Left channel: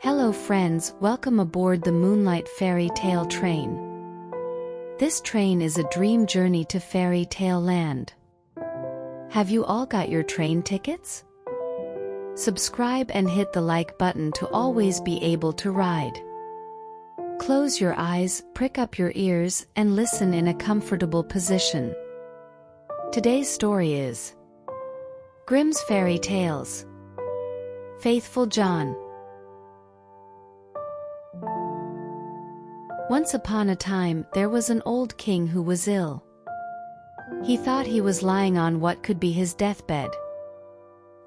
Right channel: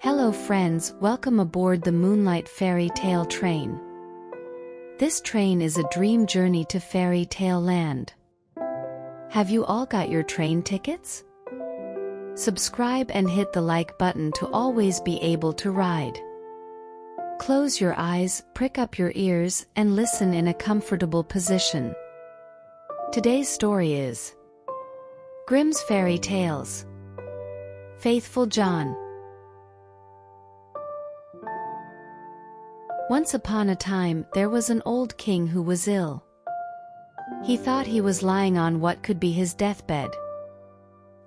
Hello friends, welcome aboard the Moonlight fairy tale train. This train is a dream journey to fairy tale land. Have you all got your train tickets? Subscribe and hit the like button to always be able to ride. Close your eyes, prick up your ears, and listen in a comfortable position. Today's story is Grimm's Fairy Tales. Faithful John. Once upon a time, there was an old king who was ill. He thought he was lying on what could be his deathbed.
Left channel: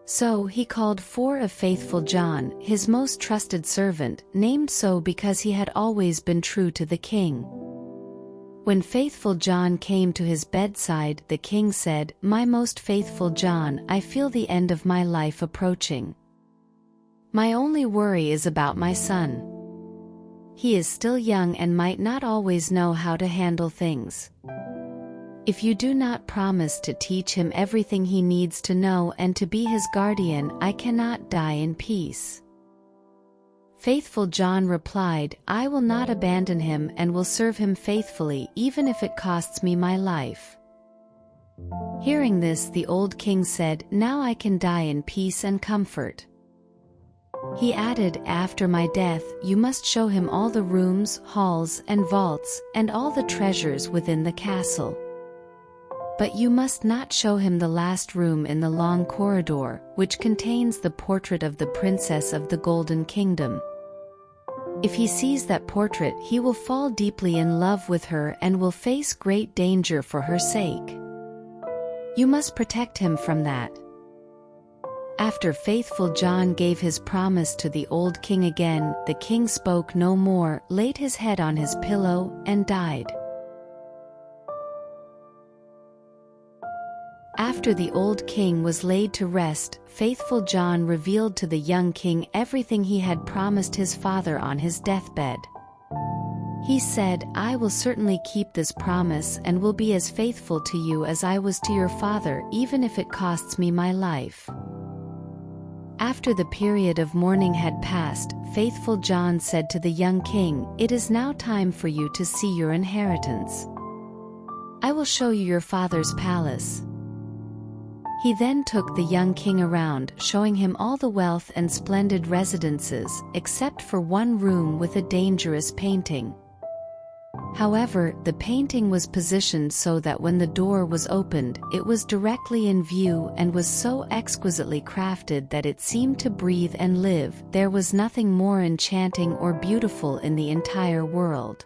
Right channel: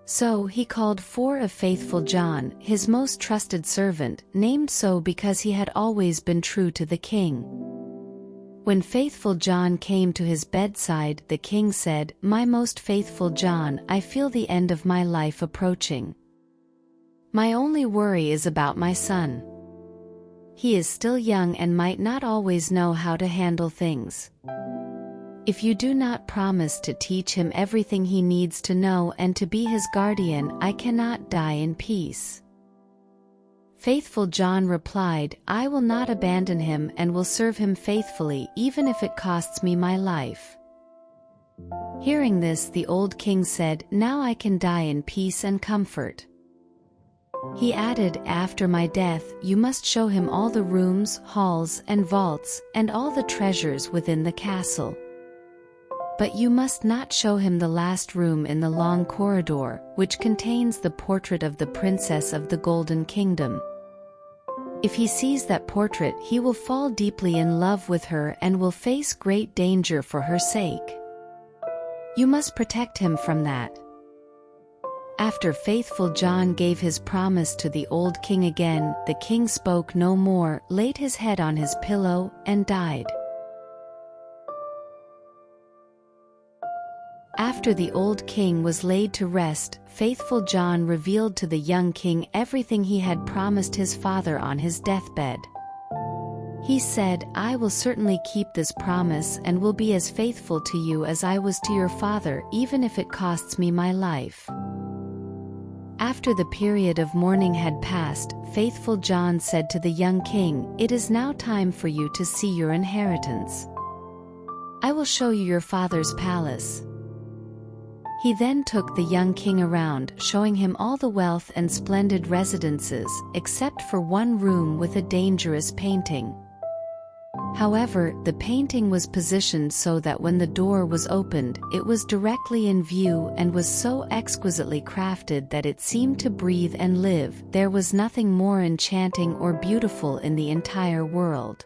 So he called for a faithful John, his most trusted servant, named so because he had always been true to the king. When faithful John came to his bedside, the king said, "My most faithful John, I feel the end of my life approaching. My only worry is about my son. He is still young and might not always know how to handle things. If you do not promise to teach him everything he needs to know and to be his guardian, I cannot die in peace." Faithful John replied, "I will not abandon him and will serve him faithfully even if it costs me my life." Hearing this, the old king said, "Now I can die in peace and comfort." He added, "After my death, you must show him all the rooms, halls, and vaults, and all the treasures within the castle. But you must not show him the last room in the long corridor, which contains the portrait of the Princess of the Golden Kingdom. If he sees that portrait, he will fall deeply in love with her and will face great danger for her sake. You must protect him from that." After faithful John gave his promise to the old king again, the king spoke no more, laid his head on his pillow, and died. After the old king was laid to rest, faithful John revealed to the young king everything he had promised his father on his deathbed. He said, "I will certainly keep this promise and will be as faithful to you as I was to your father, even if it costs me my life." After the period of mourning had passed, faithful John said to the young king, "It is now time for you to see your inheritance. I will show you your father's palace." He then took the young king around, showing him all the wealth and splendid residences, except for one room with a dangerous painting. However, the painting was positioned so that when the door was opened, it was directly in view and was so exquisitely crafted that it seemed to breathe and live. There was nothing more enchanting or beautiful in the entire world.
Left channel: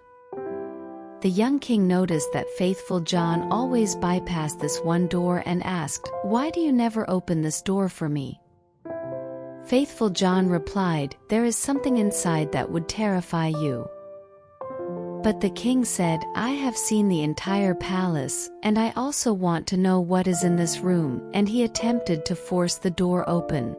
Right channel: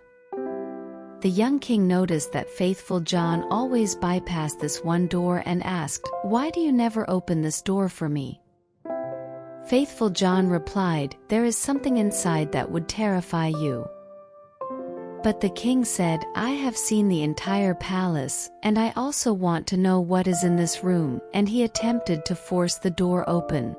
The young king noticed that faithful John always bypassed this one door and asked, "Why do you never open this door for me?" Faithful John replied, "There is something inside that would terrify you." But the king said, "I have seen the entire palace, and I also want to know what is in this room," and he attempted to force the door open.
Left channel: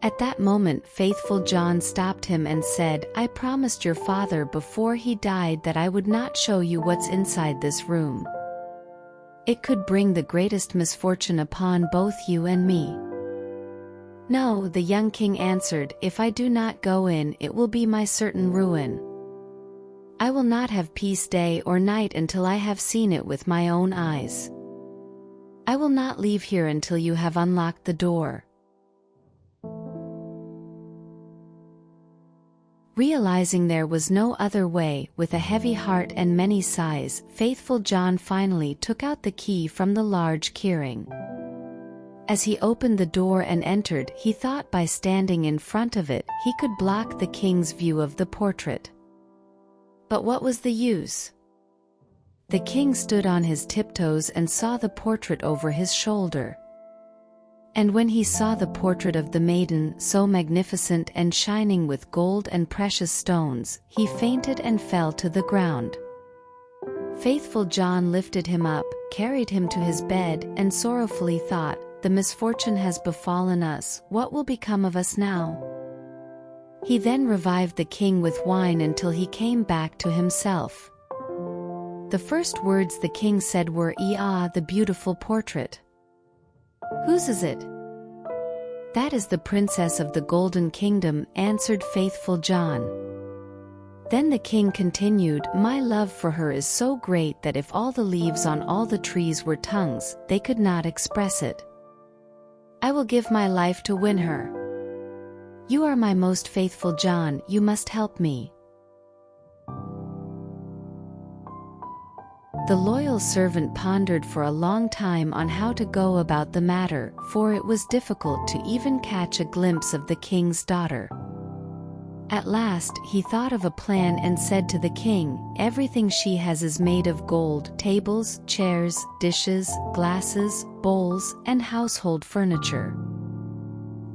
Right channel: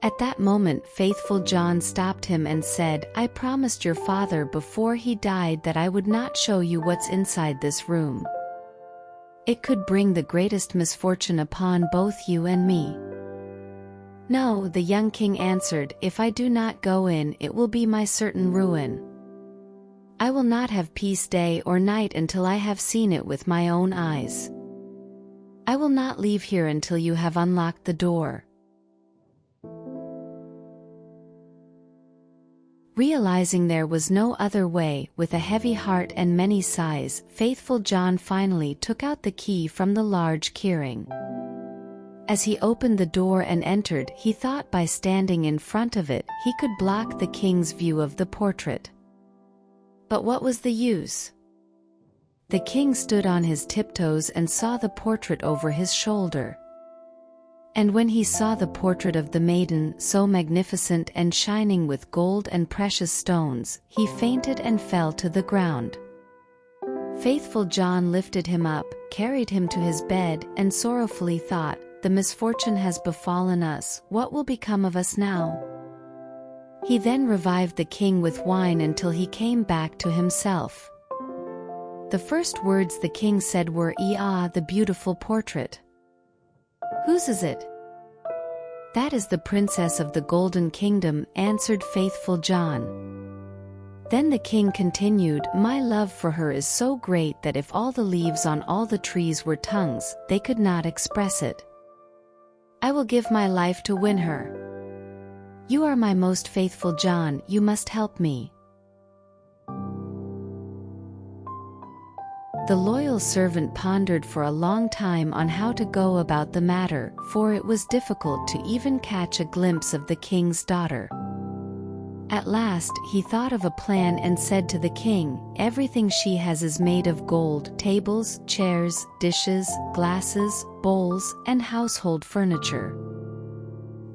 At that moment, faithful John stopped him and said, "I promised your father before he died that I would not show you what's inside this room. It could bring the greatest misfortune upon both you and me." "No," the young king answered, "if I do not go in, it will be my certain ruin. I will not have peace day or night until I have seen it with my own eyes. I will not leave here until you have unlocked the door." Realizing there was no other way, with a heavy heart and many sighs, faithful John finally took out the key from the large keyring. As he opened the door and entered, he thought by standing in front of it, he could block the king's view of the portrait. But what was the use? The king stood on his tiptoes and saw the portrait over his shoulder. And when he saw the portrait of the maiden, so magnificent and shining with gold and precious stones, he fainted and fell to the ground. Faithful John lifted him up, carried him to his bed, and sorrowfully thought, "The misfortune has befallen us, what will become of us now?" He then revived the king with wine until he came back to himself. The first words the king said were, "Ah, the beautiful portrait. Whose is it?" "That is the princess of the Golden Kingdom," answered faithful John. Then the king continued, "My love for her is so great that if all the leaves on all the trees were tongues, they could not express it. I will give my life to win her. You are my most faithful John, you must help me." The loyal servant pondered for a long time on how to go about the matter, for it was difficult to even catch a glimpse of the king's daughter. At last he thought of a plan and said to the king, "Everything she has is made of gold: tables, chairs, dishes, glasses, bowls, and household furniture.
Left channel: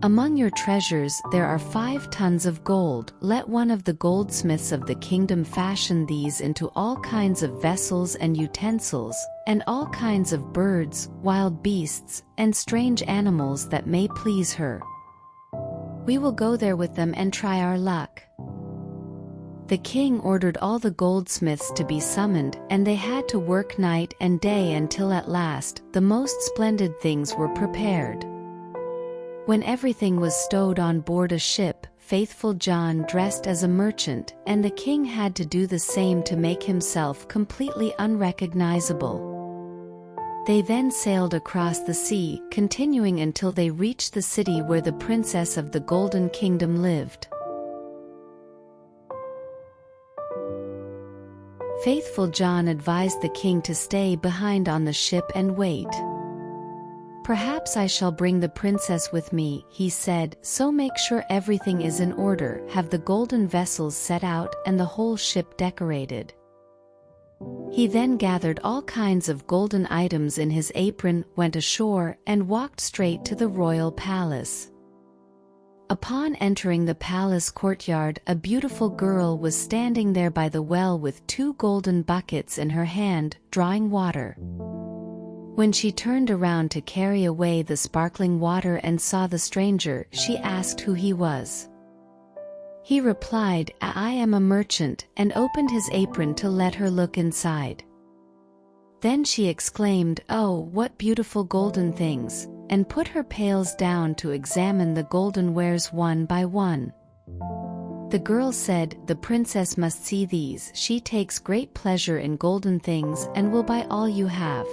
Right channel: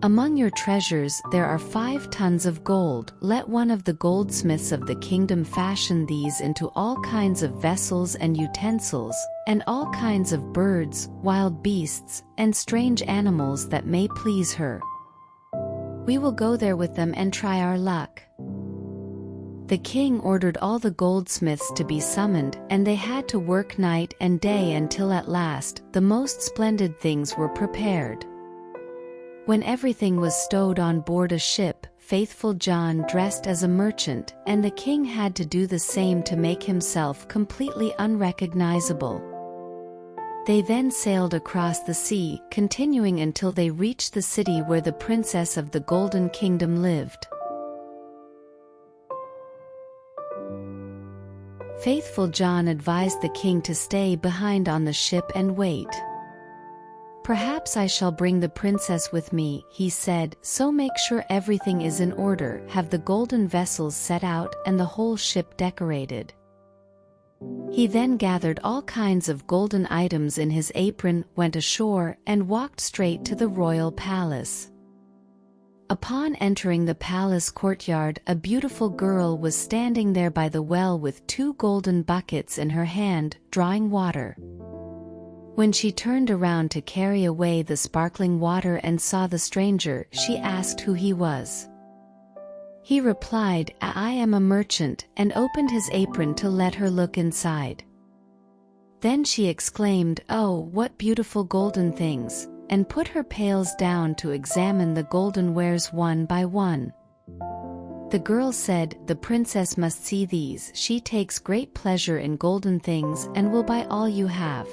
Among your treasures there are 5 tons of gold. Let one of the goldsmiths of the kingdom fashion these into all kinds of vessels and utensils, and all kinds of birds, wild beasts, and strange animals that may please her. We will go there with them and try our luck." The king ordered all the goldsmiths to be summoned, and they had to work night and day until at last the most splendid things were prepared. When everything was stowed on board a ship, faithful John dressed as a merchant, and the king had to do the same to make himself completely unrecognizable. They then sailed across the sea, continuing until they reached the city where the princess of the Golden Kingdom lived. Faithful John advised the king to stay behind on the ship and wait. "Perhaps I shall bring the princess with me," he said, "so make sure everything is in order, have the golden vessels set out and the whole ship decorated." He then gathered all kinds of golden items in his apron, went ashore, and walked straight to the royal palace. Upon entering the palace courtyard, a beautiful girl was standing there by the well with 2 golden buckets in her hand, drawing water. When she turned around to carry away the sparkling water and saw the stranger, she asked who he was. He replied, "I am a merchant," and opened his apron to let her look inside. Then she exclaimed, "Oh, what beautiful golden things," and put her pails down to examine the golden wares one by one. The girl said, "The princess must see these. She takes great pleasure in golden things and will buy all you have."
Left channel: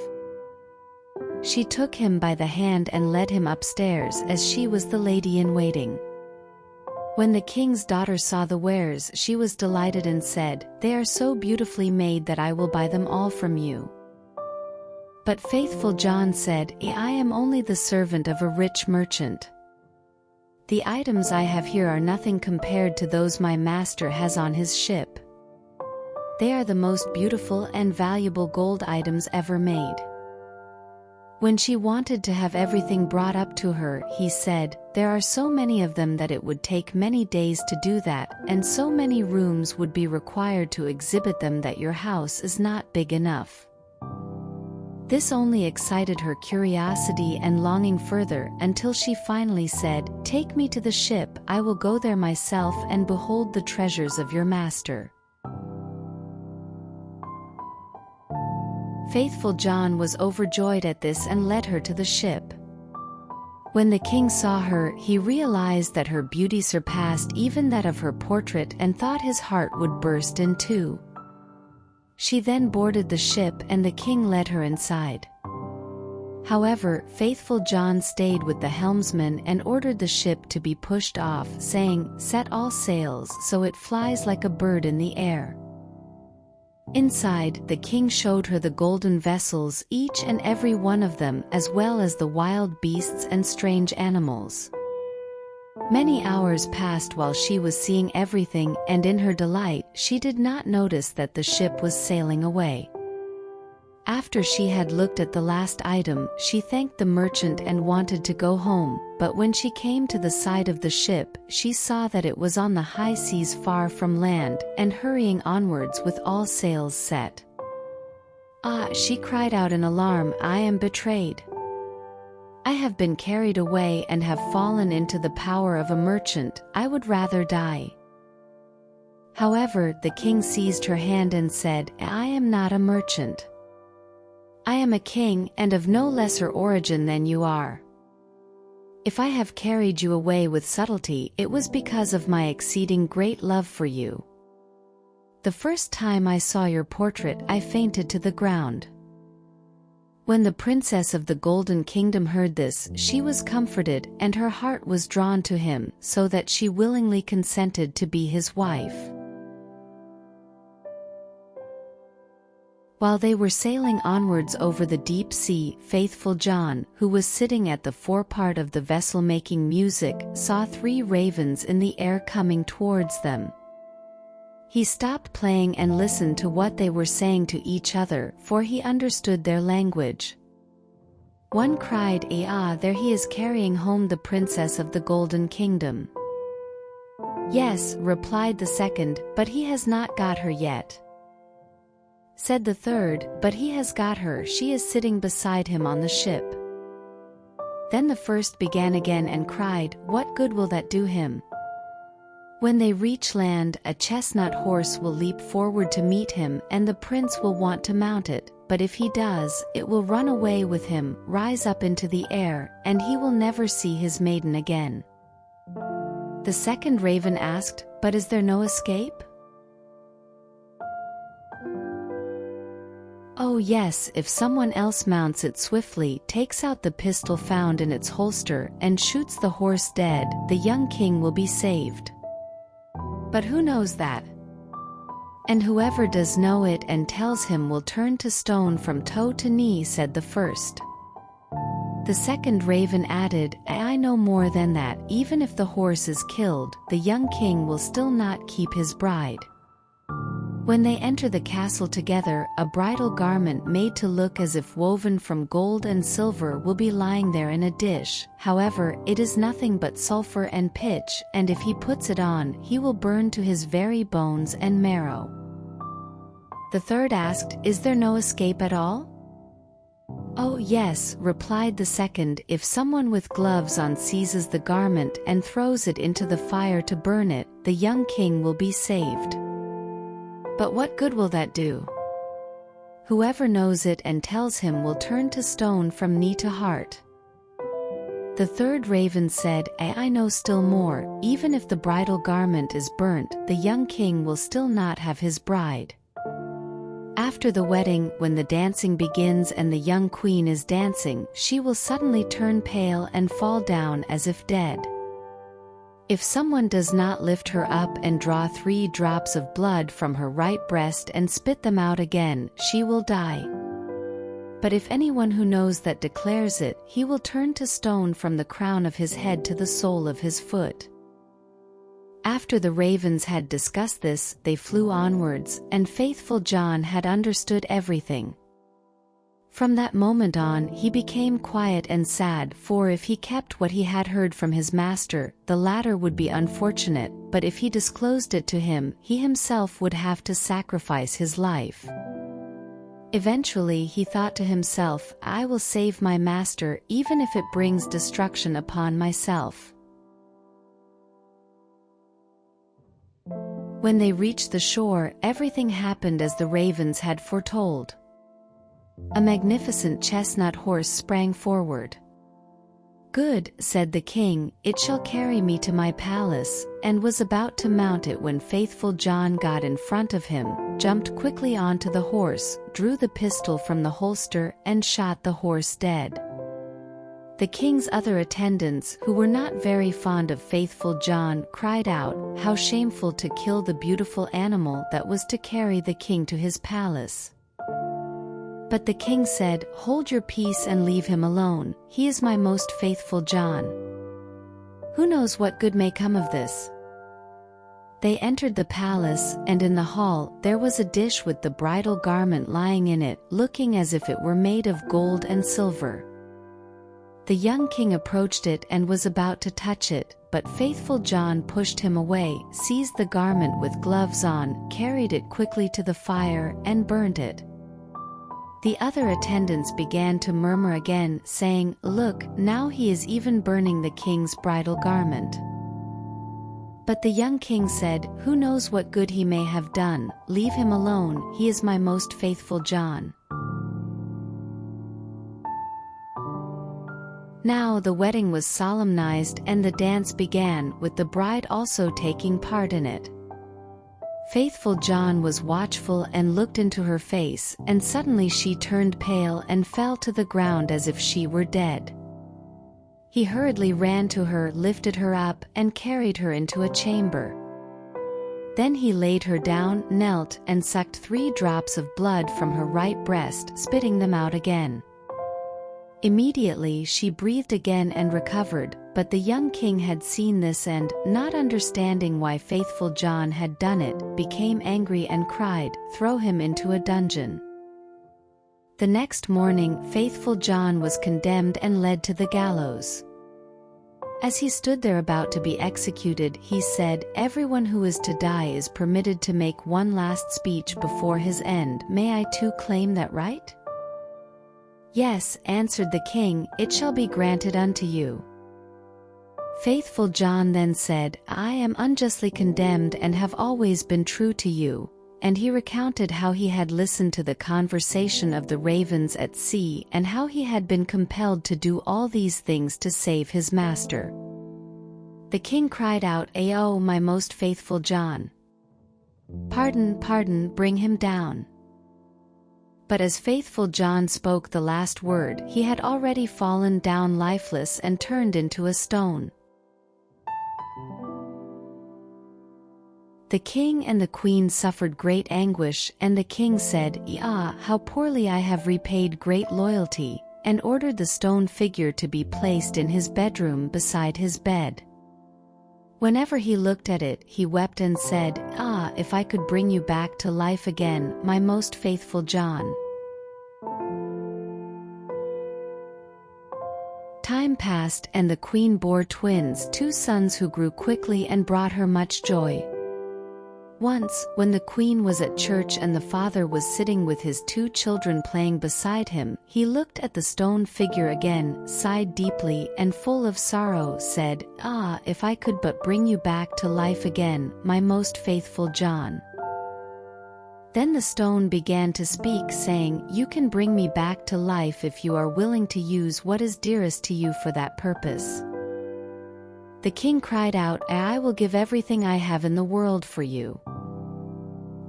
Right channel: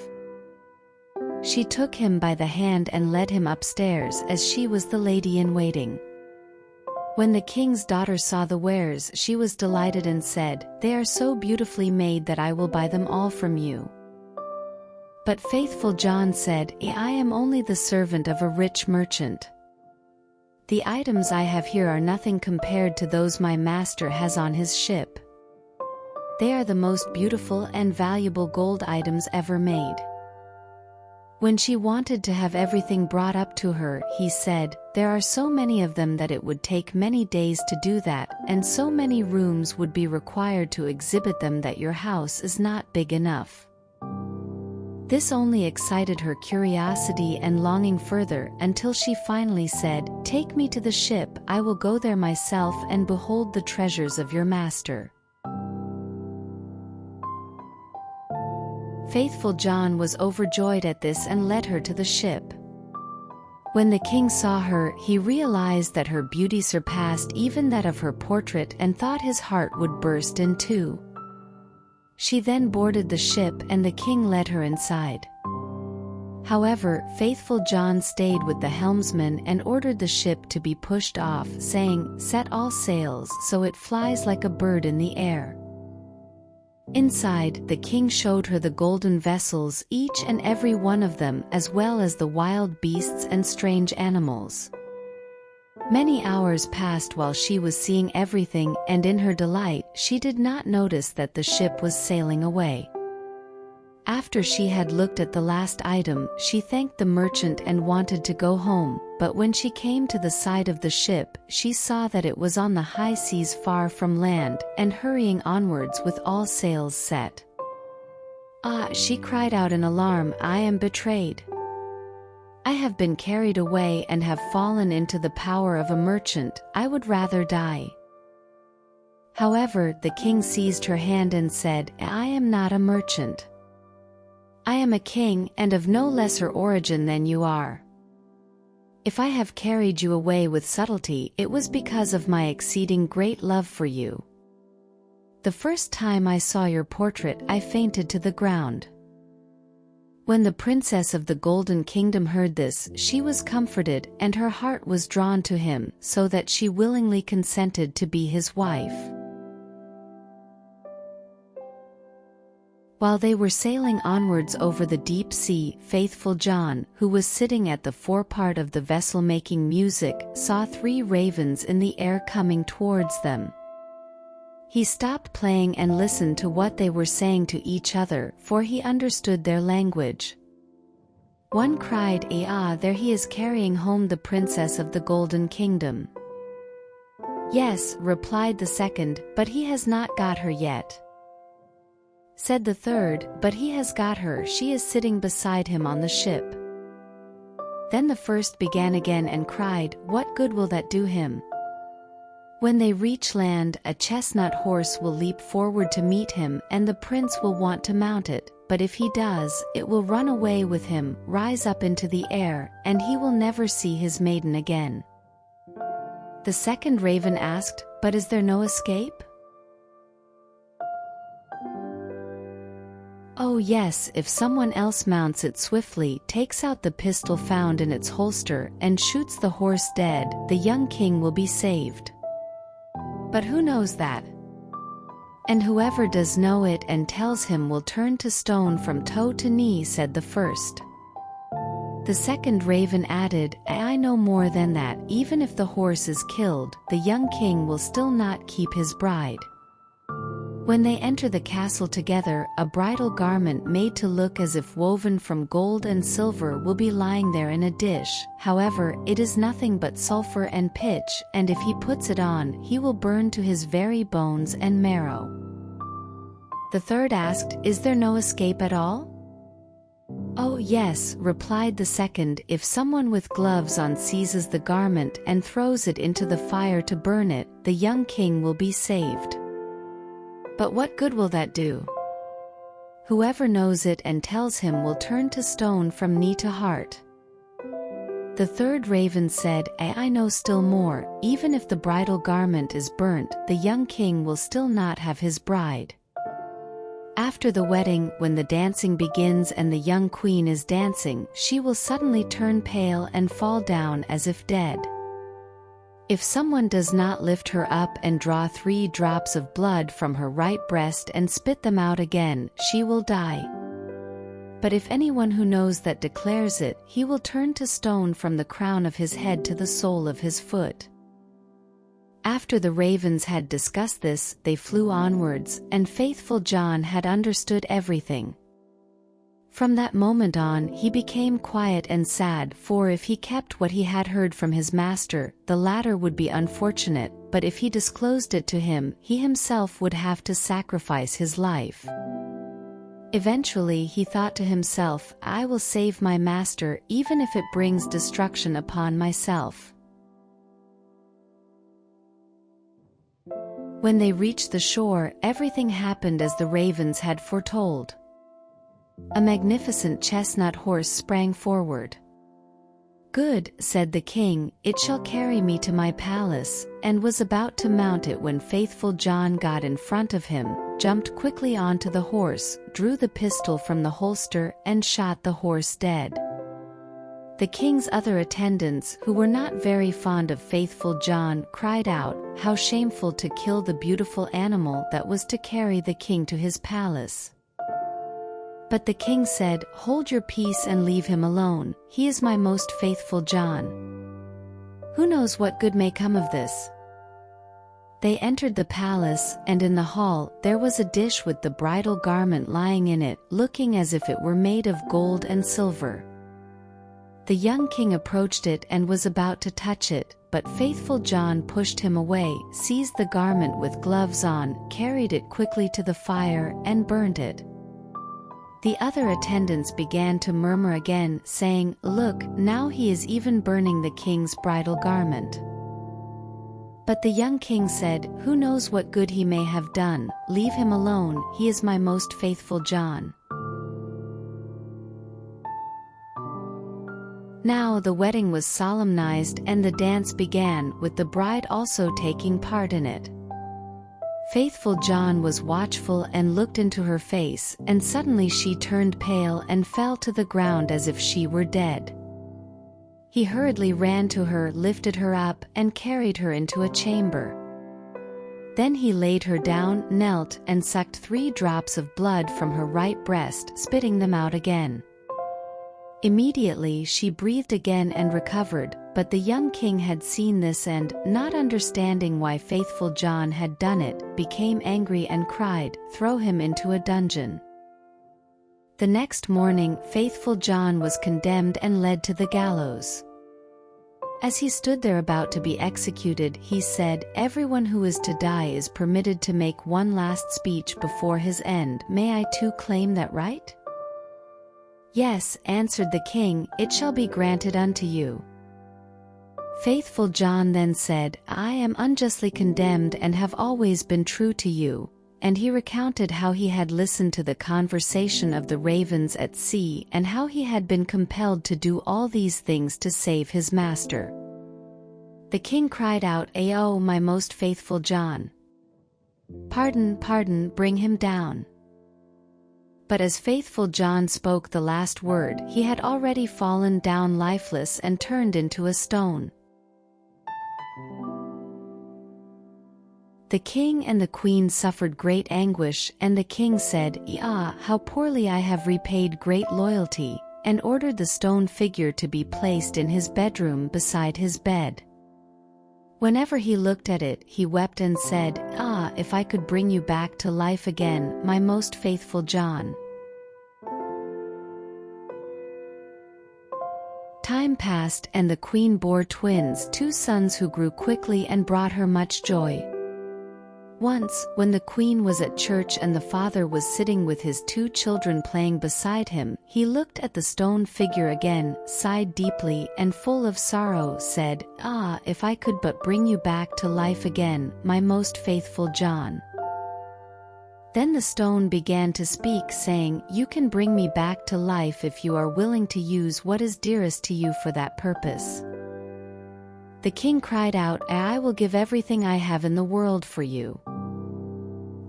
She took him by the hand and led him upstairs, as she was the lady-in-waiting. When the king's daughter saw the wares, she was delighted and said, "They are so beautifully made that I will buy them all from you." But faithful John said, "I am only the servant of a rich merchant. The items I have here are nothing compared to those my master has on his ship. They are the most beautiful and valuable gold items ever made." When she wanted to have everything brought up to her, he said, "There are so many of them that it would take many days to do that, and so many rooms would be required to exhibit them that your house is not big enough." This only excited her curiosity and longing further, until she finally said, "Take me to the ship, I will go there myself and behold the treasures of your master." Faithful John was overjoyed at this and led her to the ship. When the king saw her, he realized that her beauty surpassed even that of her portrait and thought his heart would burst in two. She then boarded the ship and the king led her inside. However, faithful John stayed with the helmsman and ordered the ship to be pushed off, saying, "Set all sails so it flies like a bird in the air." Inside, the king showed her the golden vessels, each and every one of them, as well as the wild beasts and strange animals. Many hours passed while she was seeing everything, and in her delight, she did not notice that the ship was sailing away. After she had looked at the last item, she thanked the merchant and wanted to go home, but when she came to the side of the ship, she saw that it was on the high seas far from land, and hurrying onwards with all sails set. "Ah," she cried out in alarm, "I am betrayed. I have been carried away and have fallen into the power of a merchant. I would rather die." However, the king seized her hand and said, "I am not a merchant. I am a king, and of no lesser origin than you are. If I have carried you away with subtlety, it was because of my exceeding great love for you. The first time I saw your portrait, I fainted to the ground. When the princess of the Golden Kingdom heard this, she was comforted, and her heart was drawn to him, so that she willingly consented to be his wife. While they were sailing onwards over the deep sea, faithful John, who was sitting at the forepart of the vessel making music, saw 3 ravens in the air coming towards them. He stopped playing and listened to what they were saying to each other, for he understood their language. One cried, "Ah, there he is carrying home the princess of the Golden Kingdom." "Yes," replied the second, "but he has not got her yet." Said the third, "But he has got her, she is sitting beside him on the ship." Then the first began again and cried, "What good will that do him? When they reach land, a chestnut horse will leap forward to meet him, and the prince will want to mount it, but if he does, it will run away with him, rise up into the air, and he will never see his maiden again." The second raven asked, "But is there no escape?" "Oh yes, if someone else mounts it swiftly, takes out the pistol found in its holster, and shoots the horse dead, the young king will be saved. But who knows that? And whoever does know it and tells him will turn to stone from toe to knee," said the first. The second raven added, "I know more than that, even if the horse is killed, the young king will still not keep his bride. When they enter the castle together, a bridal garment made to look as if woven from gold and silver will be lying there in a dish. However, it is nothing but sulfur and pitch, and if he puts it on, he will burn to his very bones and marrow." The third asked, "Is there no escape at all?" "Oh yes," replied the second, "if someone with gloves on seizes the garment and throws it into the fire to burn it, the young king will be saved. But what good will that do? Whoever knows it and tells him will turn to stone from knee to heart." The third raven said, I know still more, even if the bridal garment is burnt, the young king will still not have his bride. After the wedding, when the dancing begins and the young queen is dancing, she will suddenly turn pale and fall down as if dead. If someone does not lift her up and draw 3 drops of blood from her right breast and spit them out again, she will die. But if anyone who knows that declares it, he will turn to stone from the crown of his head to the sole of his foot. After the ravens had discussed this, they flew onwards, and faithful John had understood everything. From that moment on, he became quiet and sad, for if he kept what he had heard from his master, the latter would be unfortunate, but if he disclosed it to him, he himself would have to sacrifice his life. Eventually he thought to himself, "I will save my master, even if it brings destruction upon myself." When they reached the shore, everything happened as the ravens had foretold. A magnificent chestnut horse sprang forward. "Good," said the king, "it shall carry me to my palace," and was about to mount it when faithful John got in front of him, jumped quickly onto the horse, drew the pistol from the holster, and shot the horse dead. The king's other attendants, who were not very fond of faithful John, cried out, "How shameful to kill the beautiful animal that was to carry the king to his palace." But the king said, "Hold your peace and leave him alone, he is my most faithful John. Who knows what good may come of this?" They entered the palace, and in the hall there was a dish with the bridal garment lying in it, looking as if it were made of gold and silver. The young king approached it and was about to touch it, but faithful John pushed him away, seized the garment with gloves on, carried it quickly to the fire, and burned it. The other attendants began to murmur again, saying, "Look, now he is even burning the king's bridal garment." But the young king said, "Who knows what good he may have done? Leave him alone, he is my most faithful John." Now the wedding was solemnized and the dance began, with the bride also taking part in it. Faithful John was watchful and looked into her face, and suddenly she turned pale and fell to the ground as if she were dead. He hurriedly ran to her, lifted her up, and carried her into a chamber. Then he laid her down, knelt, and sucked 3 drops of blood from her right breast, spitting them out again. Immediately she breathed again and recovered, but the young king had seen this and, not understanding why faithful John had done it, became angry and cried, "Throw him into a dungeon." The next morning, faithful John was condemned and led to the gallows. As he stood there about to be executed, he said, "Everyone who is to die is permitted to make one last speech before his end. May I too claim that right?" "Yes," answered the king, "it shall be granted unto you." Faithful John then said, "I am unjustly condemned and have always been true to you," and he recounted how he had listened to the conversation of the ravens at sea and how he had been compelled to do all these things to save his master. The king cried out, "Oh, my most faithful John! Pardon, pardon, bring him down." But as faithful John spoke the last word, he had already fallen down lifeless and turned into a stone. The king and the queen suffered great anguish, and the king said, "Ah, how poorly I have repaid great loyalty," and ordered the stone figure to be placed in his bedroom beside his bed. Whenever he looked at it, he wept and said, "Ah, if I could bring you back to life again, my most faithful John." Time passed, and the queen bore twins, 2 sons who grew quickly and brought her much joy. Once, when the queen was at church and the father was sitting with his 2 children playing beside him, he looked at the stone figure again, sighed deeply, and full of sorrow said, "Ah, if I could but bring you back to life again, my most faithful John." Then the stone began to speak, saying, "You can bring me back to life if you are willing to use what is dearest to you for that purpose." The king cried out, "I will give everything I have in the world for you."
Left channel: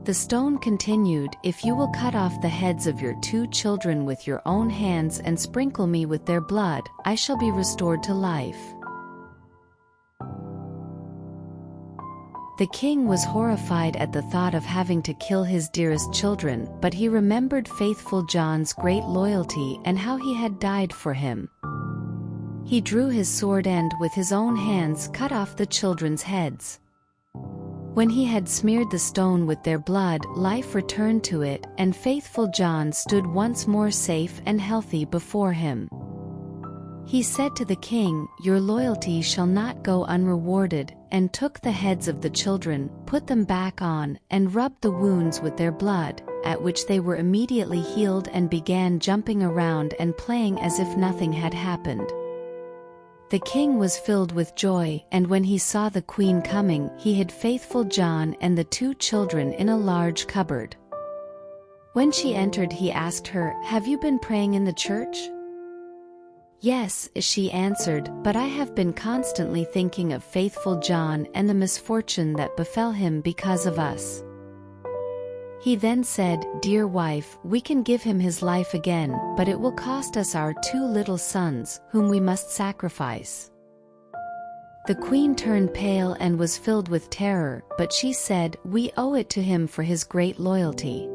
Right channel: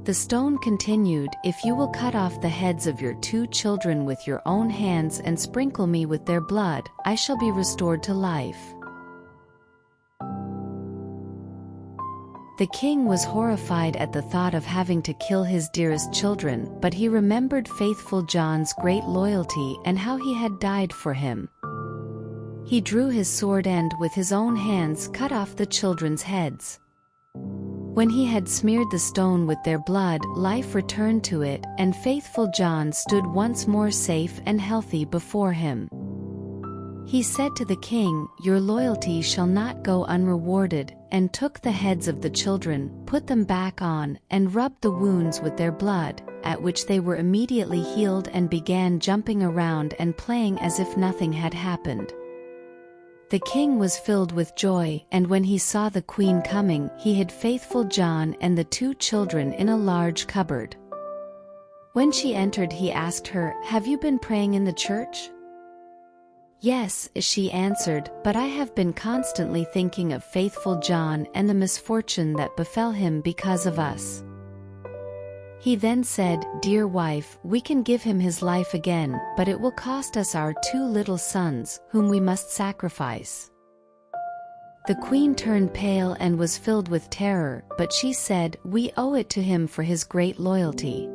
The stone continued, "If you will cut off the heads of your 2 children with your own hands and sprinkle me with their blood, I shall be restored to life." The king was horrified at the thought of having to kill his dearest children, but he remembered faithful John's great loyalty and how he had died for him. He drew his sword and, with his own hands, cut off the children's heads. When he had smeared the stone with their blood, life returned to it, and faithful John stood once more safe and healthy before him. He said to the king, "Your loyalty shall not go unrewarded," and took the heads of the children, put them back on, and rubbed the wounds with their blood, at which they were immediately healed and began jumping around and playing as if nothing had happened. The king was filled with joy, and when he saw the queen coming, he hid faithful John and the 2 children in a large cupboard. When she entered, he asked her, "Have you been praying in the church?" "Yes," she answered, "but I have been constantly thinking of faithful John and the misfortune that befell him because of us." He then said, "Dear wife, we can give him his life again, but it will cost us our 2 little sons, whom we must sacrifice." The queen turned pale and was filled with terror, but she said, "We owe it to him for his great loyalty."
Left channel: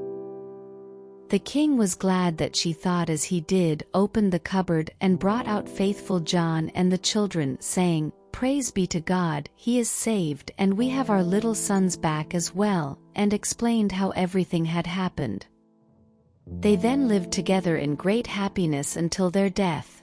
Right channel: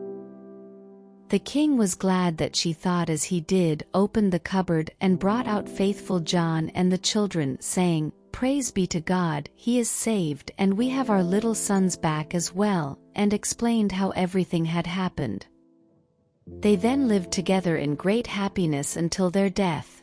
The king was glad that she thought as he did, opened the cupboard and brought out faithful John and the children, saying, "Praise be to God, he is saved and we have our little sons back as well," and explained how everything had happened. They then lived together in great happiness until their death.